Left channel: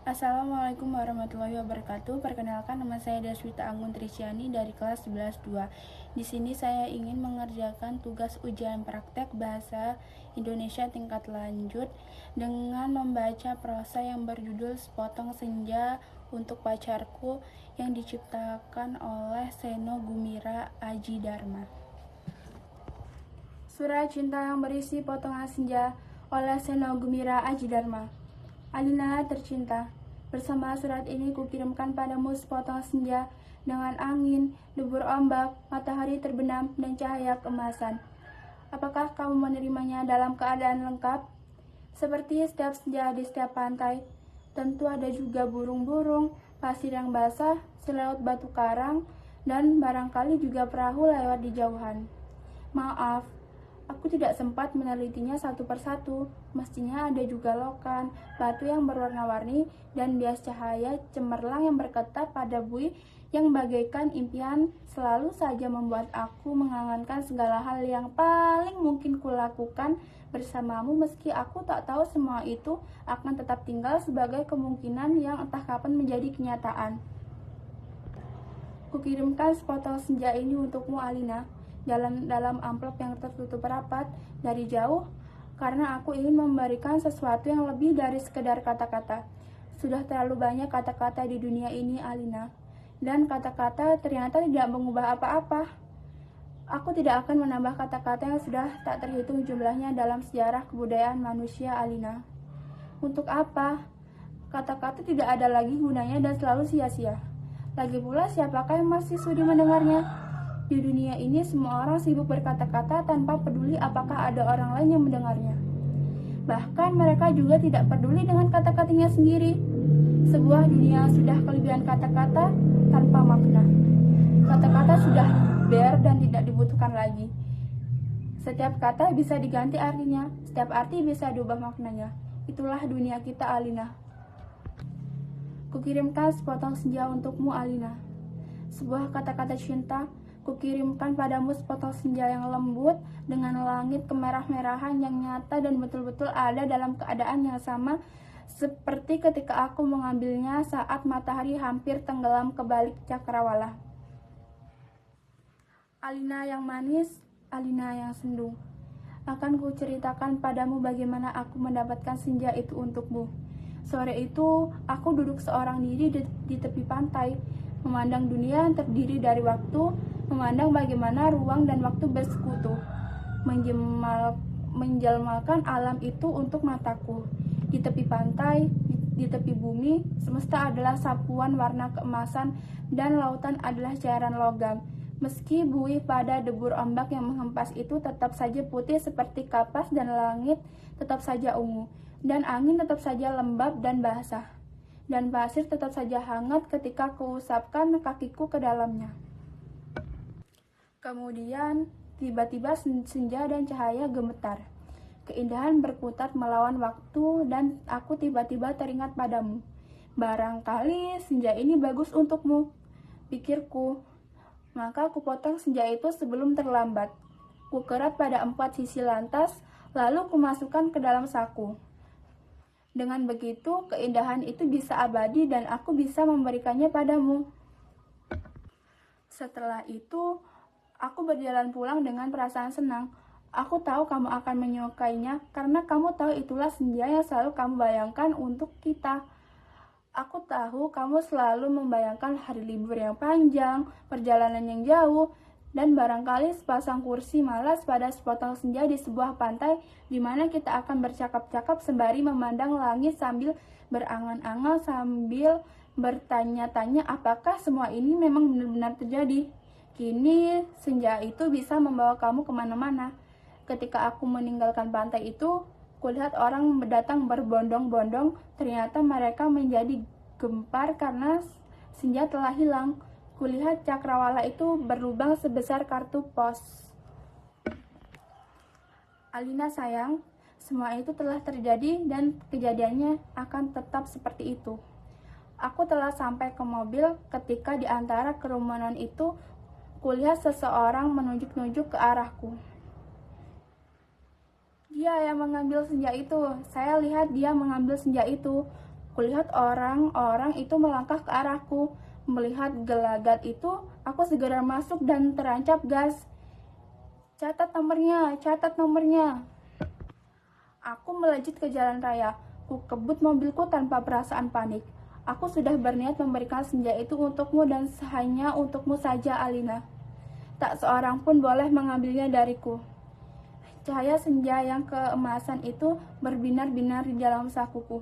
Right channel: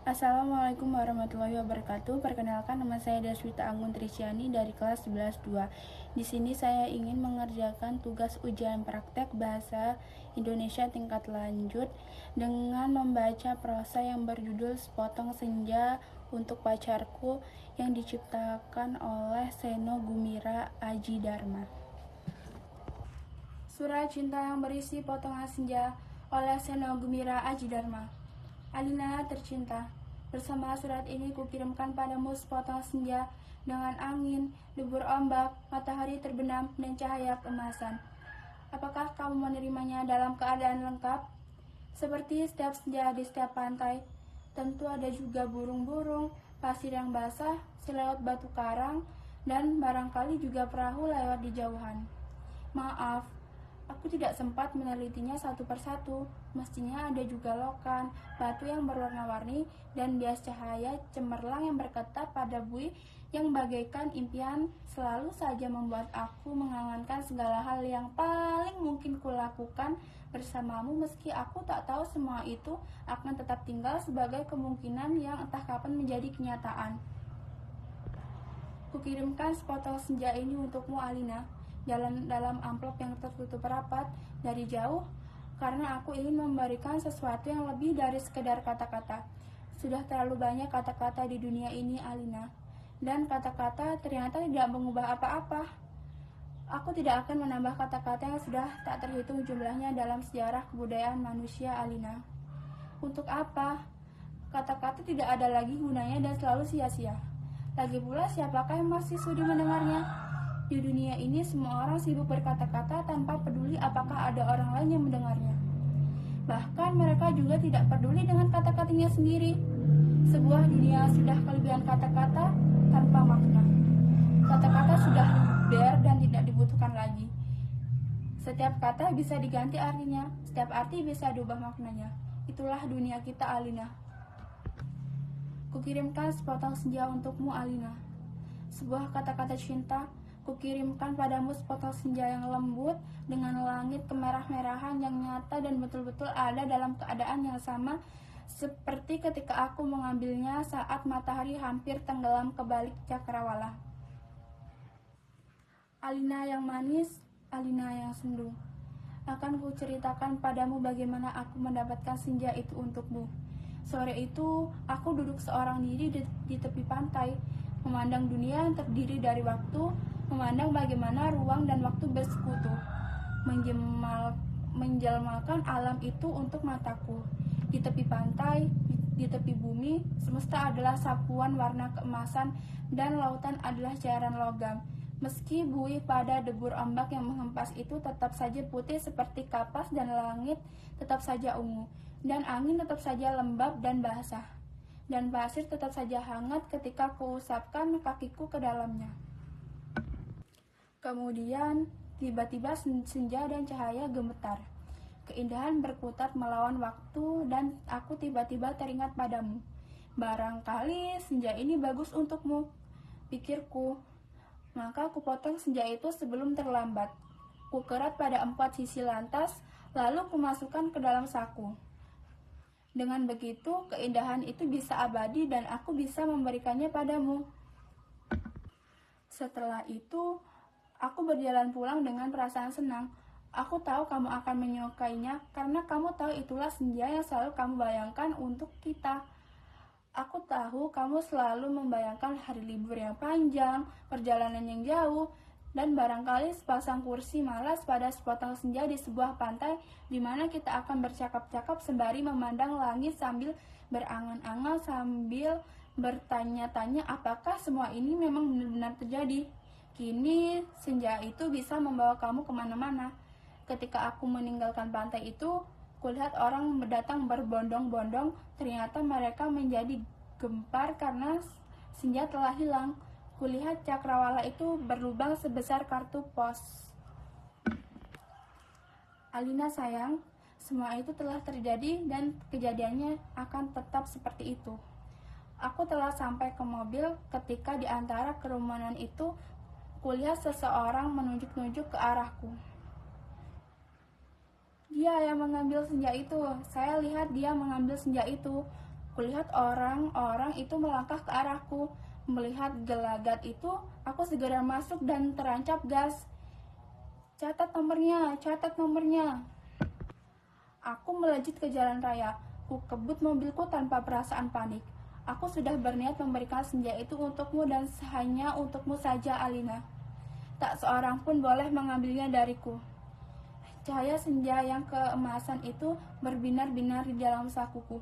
Assalamualaikum warahmatullahi wabarakatuh. Perkenalkan, nama saya Deswita Anggun Trisyani dari kelas 11-2. Di sini saya ingin mengerjakan tugas ujian praktek bahasa Indonesia tingkat lanjut dengan membaca prosa yang berjudul Sepotong Senja untuk Pacarku yang diciptakan oleh Seno Gumira Aji Dharma. Surat cinta yang berisi potongan senja oleh Seno Gumira Aji Dharma. Alina tercinta, bersama surat ini kukirimkan padamu sepotong senja dengan angin, debur ombak, matahari terbenam, dan cahaya keemasan. Apakah kamu menerimanya dalam keadaan lengkap? Seperti setiap senja di setiap pantai, tentu ada juga burung-burung, pasir yang basah, selaut batu karang, dan barangkali juga perahu lewat di jauhan. Maaf, aku tidak sempat menelitinya satu persatu. Mestinya ada juga lokan, batu yang berwarna-warni, dan bias cahaya cemerlang yang berketat pada buih yang bagaikan impian selalu saja membuat aku mengangankan segala hal yang paling mungkin kulakukan bersamamu, meski aku tak tahu semua itu akan tetap tinggal sebagai kemungkinan yang entah kapan menjadi kenyataan. Kukirimkan sepotong senja ini untukmu, Alina, dalam amplop yang tertutup rapat dari jauh, karena aku ingin memberikan sesuatu yang lebih dari sekedar kata-kata. Sudah terlalu banyak kata-kata di dunia ini, Alina, dan kata-kata ternyata tidak mengubah apa-apa. Aku tidak akan menambah kata-kata yang sudah tak terhitung jumlahnya dalam sejarah kebudayaan manusia, Alina. Untuk apa? Kata-kata tidak ada lagi gunanya dan selalu sia-sia. Lagi pula, siapakah yang masih sudi mendengarnya? Di dunia ini semua orang sibuk berkata-kata tanpa peduli apakah ada orang lain yang mendengarnya. Bahkan mereka juga tidak peduli dengan kata-katanya sendiri. Sebuah dunia sudah kelebihan kata-kata tanpa makna. Kata-kata sudah der dan tidak dibutuhkan lagi. Setiap kata bisa diganti artinya, setiap arti bisa diubah maknanya. Itulah dunia kita, Alina. Kukirimkan sepotong senja untukmu, Alina. Sebuah kata-kata cinta. Kukirimkan padamu sepotong senja yang lembut dengan langit kemerah-merahan yang nyata dan betul-betul ada dalam keadaan yang sama seperti ketika aku mengambilnya saat matahari hampir tenggelam ke balik cakrawala. Alina yang manis, Alina yang sendu. Akan kuceritakan padamu bagaimana aku mendapatkan senja itu untukmu. Sore itu, aku duduk seorang diri di tepi pantai, memandang dunia yang terdiri dari waktu, memandang bagaimana ruang dan waktu bersekutu, menjelmakan alam itu untuk mataku. Di tepi pantai, di tepi bumi, semesta adalah sapuan warna keemasan dan lautan adalah cairan logam. Meski buih pada debur ombak yang menghempas itu tetap saja putih seperti kapas dan langit tetap saja ungu, dan angin tetap saja lembab dan basah, dan pasir tetap saja hangat ketika kuusapkan kakiku ke dalamnya. Kemudian, tiba-tiba senja dan cahaya gemetar. Keindahan berkutat melawan waktu dan aku tiba-tiba teringat padamu. Barangkali senja ini bagus untukmu, pikirku. Maka kupotong senja itu sebelum terlambat. Kukerat pada 4 sisi lantas, lalu kumasukkan ke dalam saku. Dengan begitu, keindahan itu bisa abadi dan aku bisa memberikannya padamu. Setelah itu, aku berjalan pulang dengan perasaan senang. Aku tahu kamu akan menyukainya karena kamu tahu itulah senja yang selalu kamu bayangkan untuk kita. Aku tahu kamu selalu membayangkan hari libur yang panjang, perjalanan yang jauh, dan barangkali sepasang kursi malas pada sepotong senja di sebuah pantai di mana kita akan bercakap-cakap sembari memandang langit sambil berangan-angan sambil bertanya-tanya apakah semua ini memang benar-benar terjadi. Kini senja itu bisa membawa kamu kemana-mana. Ketika aku meninggalkan pantai itu, kulihat orang datang berbondong-bondong. Ternyata mereka menjadi gempar karena senja telah hilang. Kulihat cakrawala itu berlubang sebesar kartu pos. Alina sayang, semua itu telah terjadi dan kejadiannya akan tetap seperti itu. Aku telah sampai ke mobil ketika di antara kerumunan itu kulihat seseorang menunjuk-nunjuk ke arahku. Dia yang mengambil senja itu. Saya lihat dia mengambil senja itu. Kulihat orang-orang itu melangkah ke arahku. Melihat gelagat itu, aku segera masuk dan terancap gas. Catat nomornya, catat nomornya. Aku melejit ke jalan raya. Ku kebut mobilku tanpa perasaan panik. Aku sudah berniat memberikan senja itu untukmu dan hanya untukmu saja, Alina. Tak seorang pun boleh mengambilnya dariku. Cahaya senja yang keemasan itu berbinar-binar di dalam sakuku.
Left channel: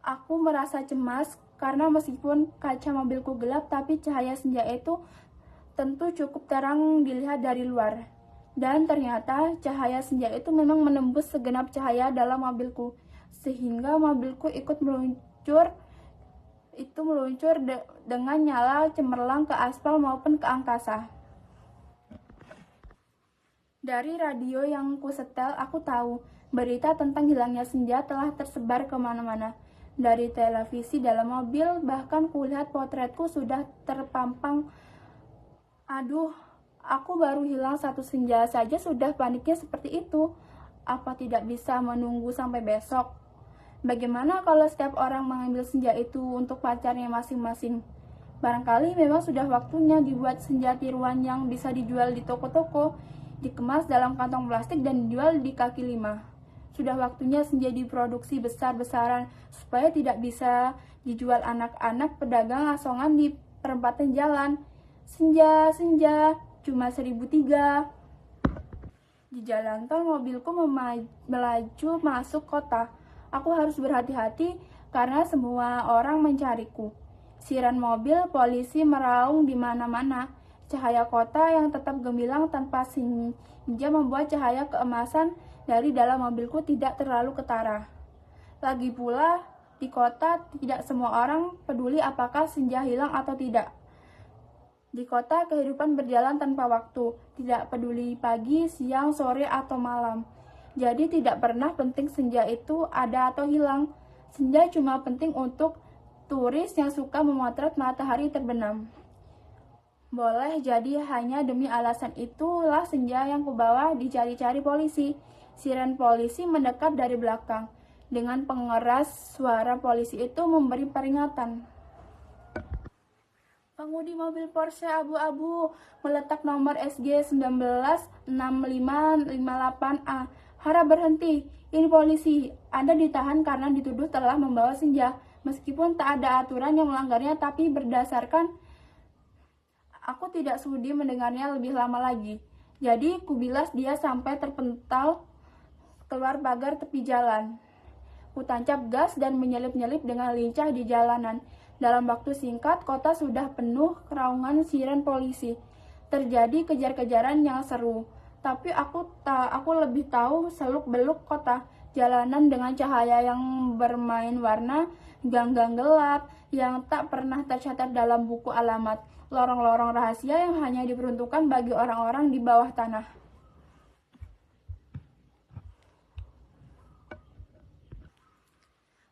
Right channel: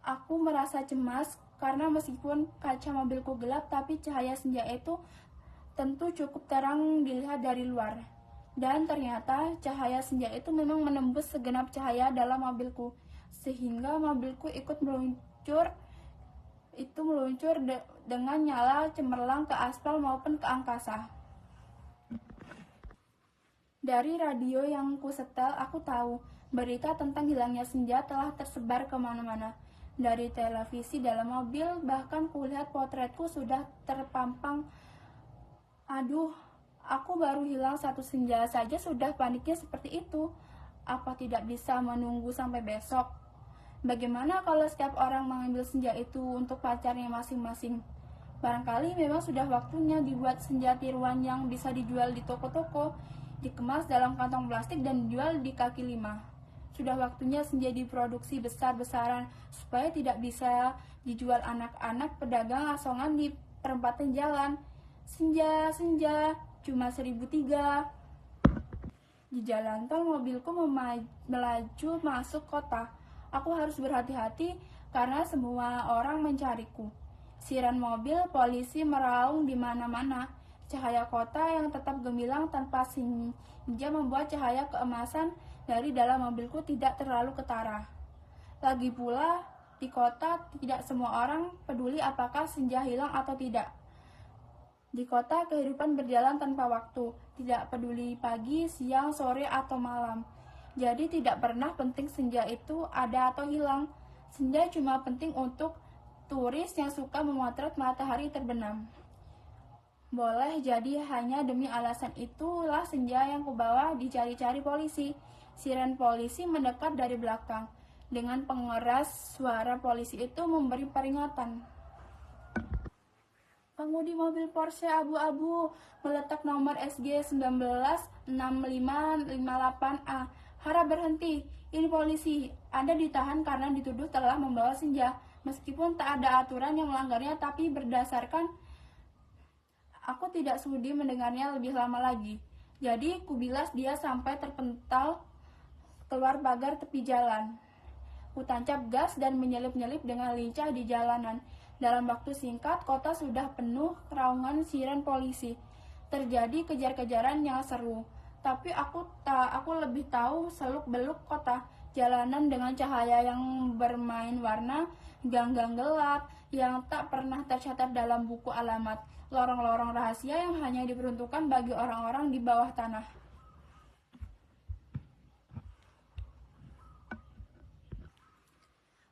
Aku merasa cemas karena meskipun kaca mobilku gelap, tapi cahaya senja itu tentu cukup terang dilihat dari luar. Dan ternyata cahaya senja itu memang menembus segenap cahaya dalam mobilku, sehingga mobilku ikut meluncur dengan nyala cemerlang ke aspal maupun ke angkasa. Dari radio yang kusetel, aku tahu berita tentang hilangnya senja telah tersebar kemana-mana. Dari televisi dalam mobil, bahkan kulihat potretku sudah terpampang. Aduh, aku baru hilang satu senja saja sudah paniknya seperti itu. Apa tidak bisa menunggu sampai besok? Bagaimana kalau setiap orang mengambil senja itu untuk pacarnya masing-masing? Barangkali memang sudah waktunya dibuat senja tiruan yang bisa dijual di toko-toko, dikemas dalam kantong plastik dan dijual di kaki lima. Sudah waktunya senja diproduksi besar-besaran supaya tidak bisa dijual anak-anak pedagang asongan di perempatan jalan. Senja, senja, cuma 1.003. Di jalan tol mobilku melaju masuk kota. Aku harus berhati-hati karena semua orang mencariku. Siren mobil polisi meraung di mana-mana. Cahaya kota yang tetap gemilang tanpa senja membuat cahaya keemasan dari dalam mobilku tidak terlalu ketara. Lagi pula, di kota tidak semua orang peduli apakah senja hilang atau tidak. Di kota kehidupan berjalan tanpa waktu, tidak peduli pagi, siang, sore, atau malam. Jadi tidak pernah penting senja itu ada atau hilang. Senja cuma penting untuk turis yang suka memotret matahari terbenam. Boleh jadi hanya demi alasan itulah senja yang kubawa dicari-cari polisi. Siren polisi mendekat dari belakang. Dengan pengeras, suara polisi itu memberi peringatan. Pengemudi mobil Porsche abu-abu meletak nomor SG 196558A. Harap berhenti, ini polisi. Anda ditahan karena dituduh telah membawa senja. Meskipun tak ada aturan yang melanggarnya, tapi berdasarkan aku tidak sudi mendengarnya lebih lama lagi. Jadi kubilas dia sampai terpental keluar pagar tepi jalan. Kutancap gas dan menyelip-nyelip dengan lincah di jalanan. Dalam waktu singkat, kota sudah penuh keraungan siren polisi. Terjadi kejar-kejaran yang seru. Tapi aku lebih tahu seluk-beluk kota. Jalanan dengan cahaya yang bermain warna, gang-gang gelap yang tak pernah tercatat dalam buku alamat, lorong-lorong rahasia yang hanya diperuntukkan bagi orang-orang di bawah tanah.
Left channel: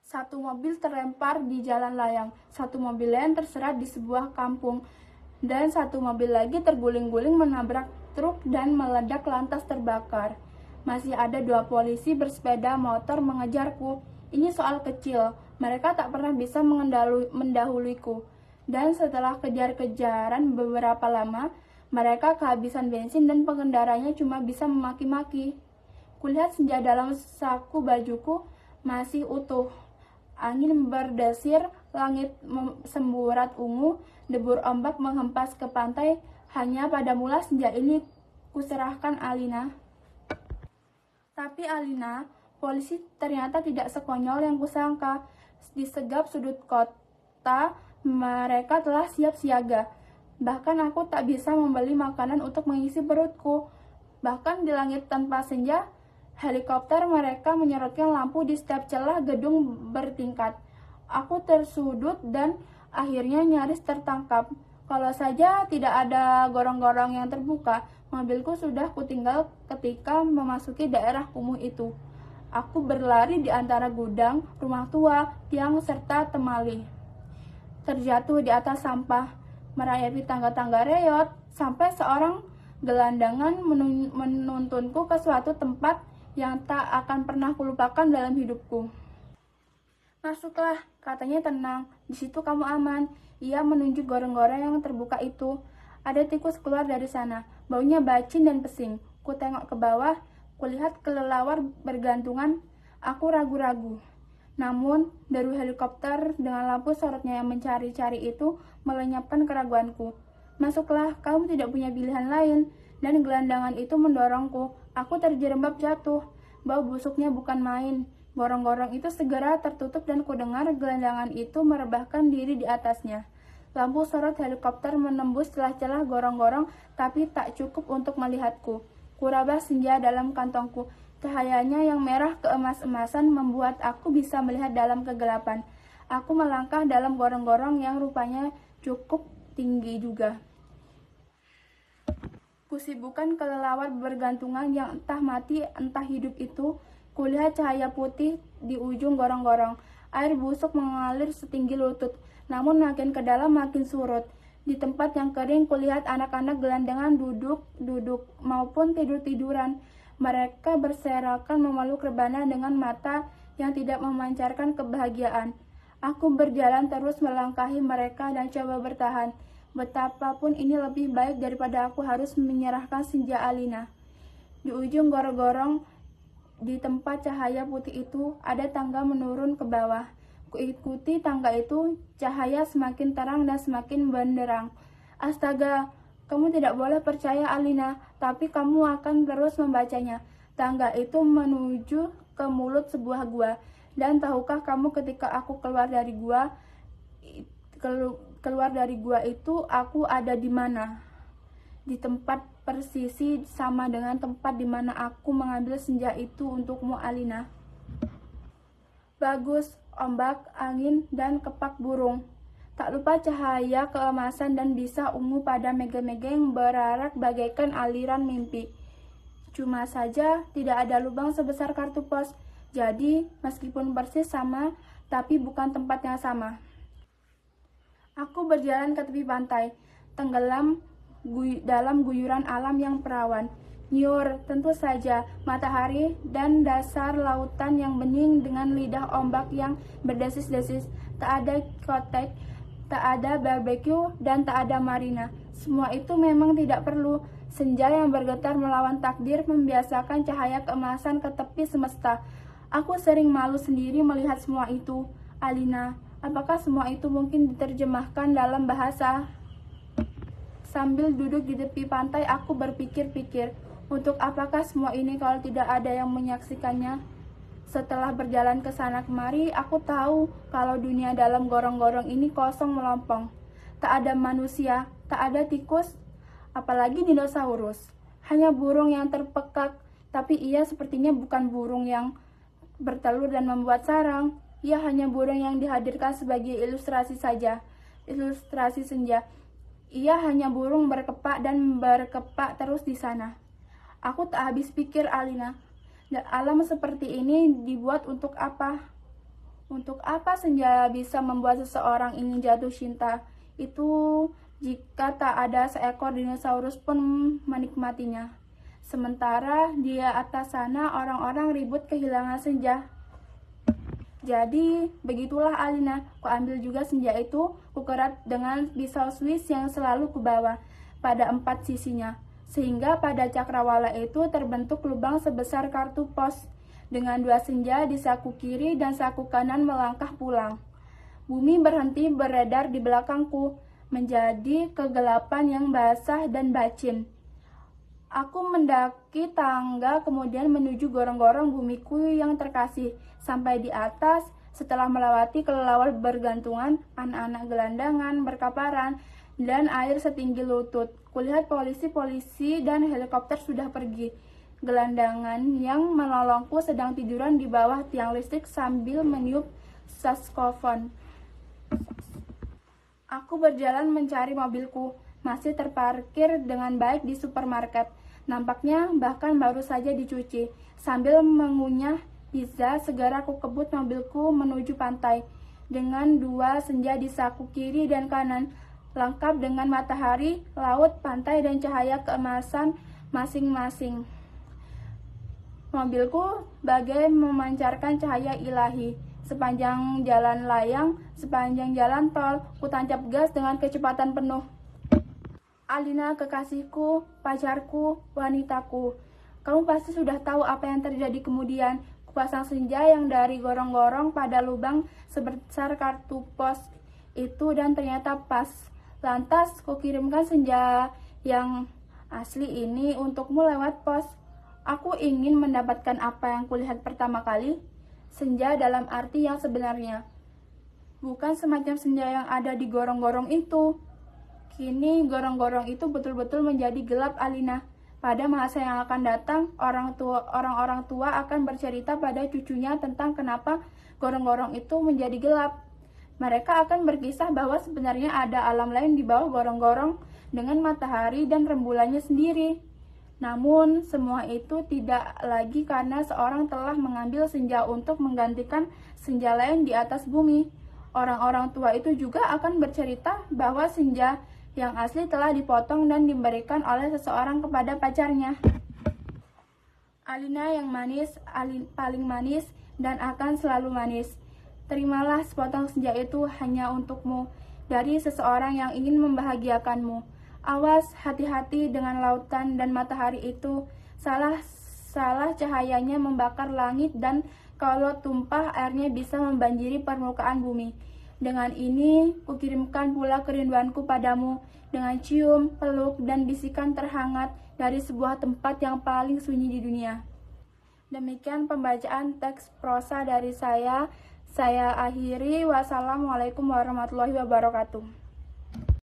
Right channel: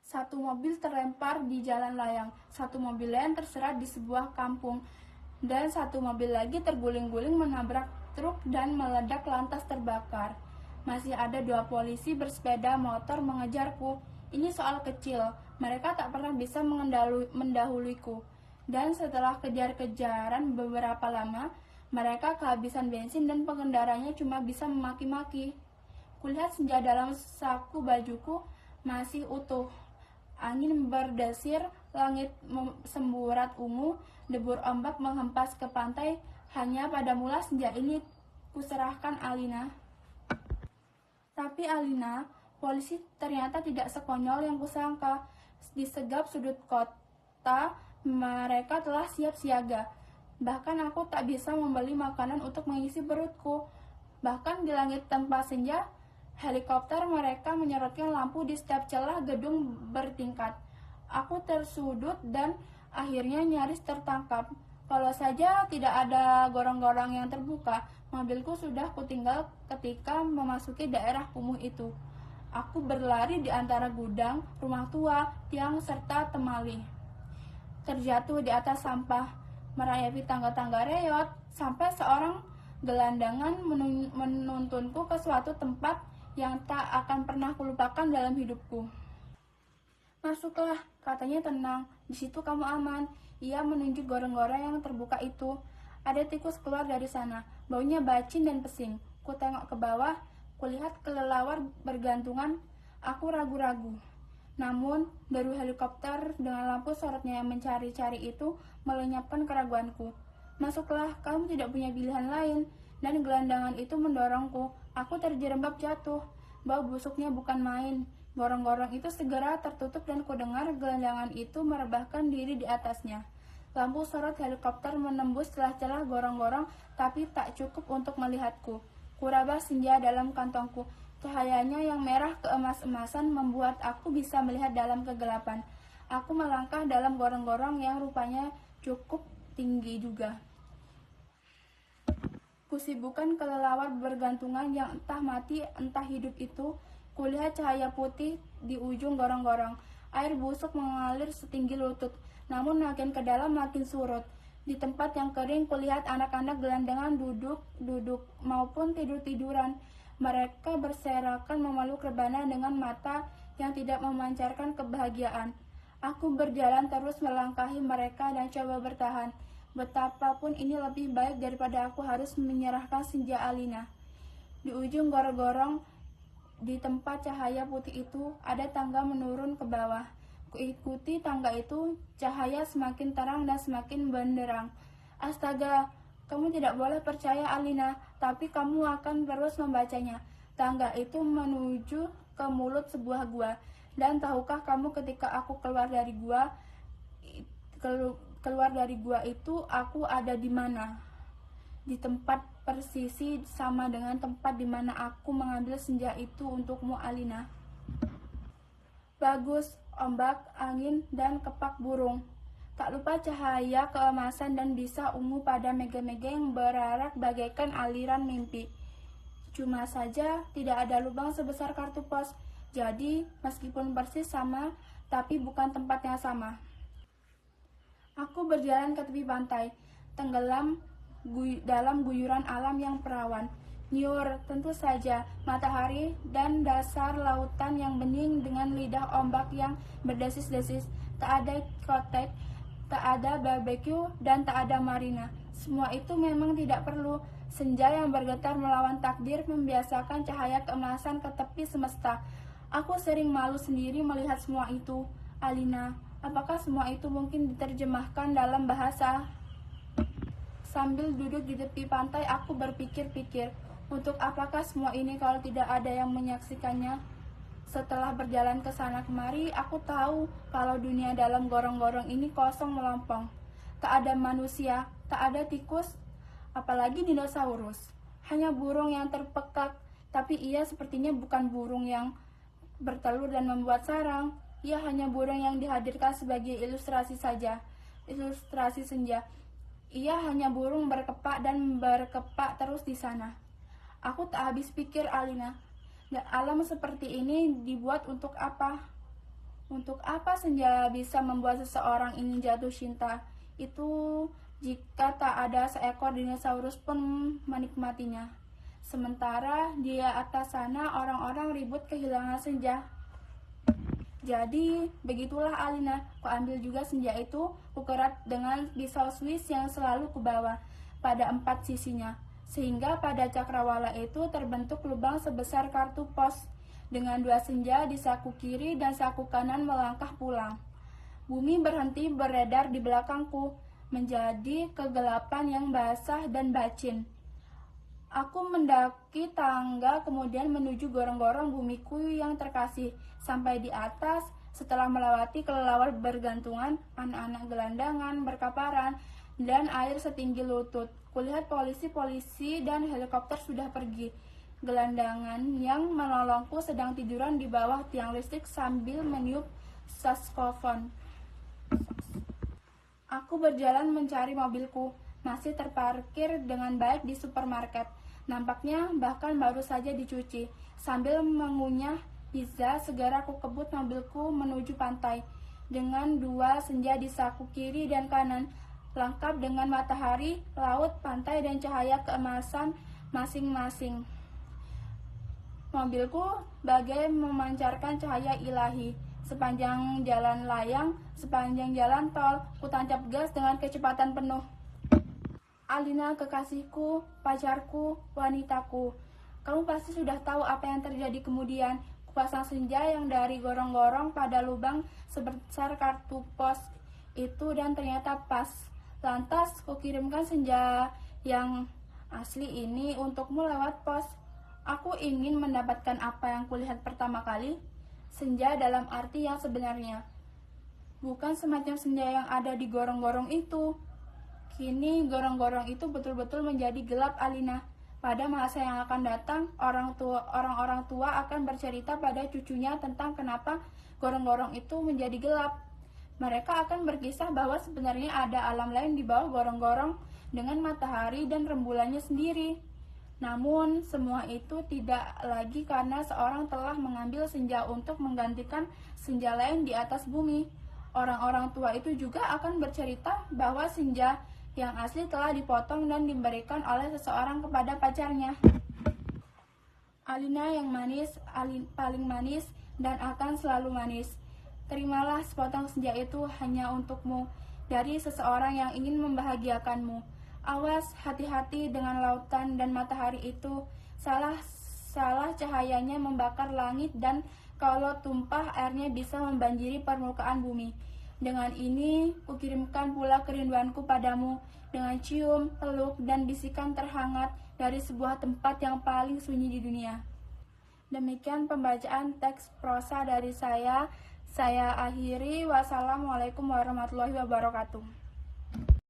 Satu mobil terlempar di jalan layang, satu mobil lain terserat di sebuah kampung, dan satu mobil lagi terguling-guling menabrak truk dan meledak lantas terbakar. Masih ada 2 polisi bersepeda motor mengejarku. Ini soal kecil, mereka tak pernah bisa mendahuluiku. Dan setelah kejar-kejaran beberapa lama, mereka kehabisan bensin dan pengendaranya cuma bisa memaki-maki. Kulihat senja dalam saku bajuku masih utuh. Angin berdesir, langit semburat ungu, debur ombak menghempas ke pantai. Hanya pada mula senja ini kuserahkan Alina. Tapi Alina, polisi ternyata tidak sekonyol yang kusangka. Di segap sudut kota, mereka telah siap siaga. Bahkan aku tak bisa membeli makanan untuk mengisi perutku. Bahkan di langit tanpa senja, helikopter mereka menyorotkan lampu di setiap celah gedung bertingkat. Aku tersudut dan akhirnya nyaris tertangkap. Kalau saja tidak ada gorong-gorong yang terbuka, mobilku sudah kutinggal ketika memasuki daerah kumuh itu. Aku berlari di antara gudang, rumah tua, tiang, serta temali. Terjatuh di atas sampah, merayapi tangga-tangga reot, sampai seorang gelandangan menuntunku ke suatu tempat yang tak akan pernah kulupakan dalam hidupku. Masuklah, katanya tenang. Di situ kamu aman. Ia menunjuk gorong-gorong yang terbuka itu. Ada tikus keluar dari sana. Baunya bacin dan pesing. Ku tengok ke bawah, kulihat kelelawar bergantungan. Aku ragu-ragu. Namun, deru helikopter dengan lampu sorotnya yang mencari-cari itu melenyapkan keraguanku. Masuklah, kamu tidak punya pilihan lain. Dan gelandangan itu mendorongku. Aku terjerembab jatuh. Bau busuknya bukan main. Gorong-gorong itu segera tertutup dan kudengar gelandangan itu merebahkan diri di atasnya. Lampu sorot helikopter menembus celah-celah gorong-gorong, tapi tak cukup untuk melihatku. Kuraba senja dalam kantongku. Cahayanya yang merah keemas-emasan membuat aku bisa melihat dalam kegelapan. Aku melangkah dalam gorong-gorong yang rupanya cukup tinggi juga. Kusibukan kelelawar bergantungan yang entah mati entah hidup itu. Kulihat cahaya putih di ujung gorong-gorong. Air busuk mengalir setinggi lutut, namun makin ke dalam makin surut. Di tempat yang kering kulihat anak-anak gelandangan duduk maupun tidur-tiduran. Mereka berserakan memeluk rebana dengan mata yang tidak memancarkan kebahagiaan. Aku berjalan terus melangkahi mereka dan coba bertahan. Betapapun ini lebih baik daripada aku harus menyerahkan senja Alina. Di ujung gorong-gorong, di tempat cahaya putih itu, ada tangga menurun ke bawah. Kuikuti tangga itu, cahaya semakin terang dan semakin benderang. Astaga, kamu tidak boleh percaya Alina, tapi kamu akan terus membacanya. Tangga itu menuju ke mulut sebuah gua. Dan tahukah kamu ketika aku keluar dari gua itu, aku ada di mana? Di tempat persisi sama dengan tempat di mana aku mengambil senja itu untukmu, Alina. Bagus, ombak, angin, dan kepak burung. Tak lupa cahaya keemasan dan bisa ungu pada mega-mega yang berarak bagaikan aliran mimpi. Cuma saja tidak ada lubang sebesar kartu pos. Jadi, meskipun persis sama, tapi bukan tempat yang sama. Aku berjalan ke tepi pantai, tenggelam dalam guyuran alam yang perawan. Nyor, tentu saja, matahari dan dasar lautan yang bening dengan lidah ombak yang berdesis-desis. Tak ada klotek, tak ada barbecue, dan tak ada marina. Semua itu memang tidak perlu. Senja yang bergetar melawan takdir membiasakan cahaya keemasan ke tepi semesta. Aku sering malu sendiri melihat semua itu. Alina, apakah semua itu mungkin diterjemahkan dalam bahasa? Sambil duduk di tepi pantai, aku berpikir-pikir, untuk apakah semua ini kalau tidak ada yang menyaksikannya? Setelah berjalan ke sana kemari, aku tahu kalau dunia dalam gorong-gorong ini kosong melompong. Tak ada manusia, tak ada tikus, apalagi dinosaurus. Hanya burung yang terpekak, tapi ia sepertinya bukan burung yang bertelur dan membuat sarang. Ia hanya burung yang dihadirkan sebagai ilustrasi saja, ilustrasi senja. Ia hanya burung berkepak dan berkepak terus di sana. Aku tak habis pikir, Alina. Dan alam seperti ini dibuat untuk apa? Untuk apa senja bisa membuat seseorang ingin jatuh cinta? Itu jika tak ada seekor dinosaurus pun menikmatinya. Sementara di atas sana orang-orang ribut kehilangan senja. Jadi, begitulah Alina, kuambil juga senja itu, kukerat dengan pisau Swiss yang selalu kubawa pada 4 sisinya. Sehingga pada cakrawala itu terbentuk lubang sebesar kartu pos. Dengan 2 senja di saku kiri dan saku kanan melangkah pulang. Bumi berhenti beredar di belakangku, menjadi kegelapan yang basah dan bacin. Aku mendaki tangga kemudian menuju gorong-gorong bumiku yang terkasih. Sampai di atas, setelah melewati kelelawar bergantungan, anak-anak gelandangan berkaparan, dan air setinggi lutut. Kulihat polisi-polisi dan helikopter sudah pergi. Gelandangan yang menolongku sedang tiduran di bawah tiang listrik sambil meniup saksofon. Aku berjalan mencari mobilku, masih terparkir dengan baik di supermarket. Nampaknya bahkan baru saja dicuci. Sambil mengunyah pizza, segera aku kebut mobilku menuju pantai. Dengan 2 senja di saku kiri dan kanan, lengkap dengan matahari, laut, pantai, dan cahaya keemasan masing-masing. Mobilku bagai memancarkan cahaya ilahi. sepanjang jalan layang, sepanjang jalan tol, ku tancap gas dengan kecepatan penuh. Alina, kekasihku, pacarku, wanitaku. Kamu pasti sudah tahu apa yang terjadi kemudian. Kupasang senja yang dari gorong-gorong pada lubang sebesar kartu pos itu dan ternyata pas. Lantas kukirimkan senja yang asli ini untukmu lewat pos. Aku ingin mendapatkan apa yang kulihat pertama kali, senja dalam arti yang sebenarnya. Bukan semacam senja yang ada di gorong-gorong itu. Kini gorong-gorong itu betul-betul menjadi gelap, Alina. Pada masa yang akan datang, orang-orang tua akan bercerita pada cucunya tentang kenapa gorong-gorong itu menjadi gelap. Mereka akan berkisah bahwa sebenarnya ada alam lain di bawah gorong-gorong dengan matahari dan rembulannya sendiri. Namun, semua itu tidak lagi karena seorang telah mengambil senja untuk menggantikan senja lain di atas bumi. Orang-orang tua itu juga akan bercerita bahwa senja yang asli telah dipotong dan diberikan oleh seseorang kepada pacarnya. Alina yang manis, paling manis, dan akan selalu manis. Terimalah sepotong senja itu hanya untukmu, dari seseorang yang ingin membahagiakanmu. Awas, hati-hati dengan lautan dan matahari itu. Salah cahayanya membakar langit dan kalau tumpah airnya bisa membanjiri permukaan bumi. Dengan ini, kukirimkan pula kerinduanku padamu dengan cium, peluk, dan bisikan terhangat dari sebuah tempat yang paling sunyi di dunia. Demikian pembacaan teks prosa dari saya. Saya akhiri. Wassalamualaikum warahmatullahi wabarakatuh.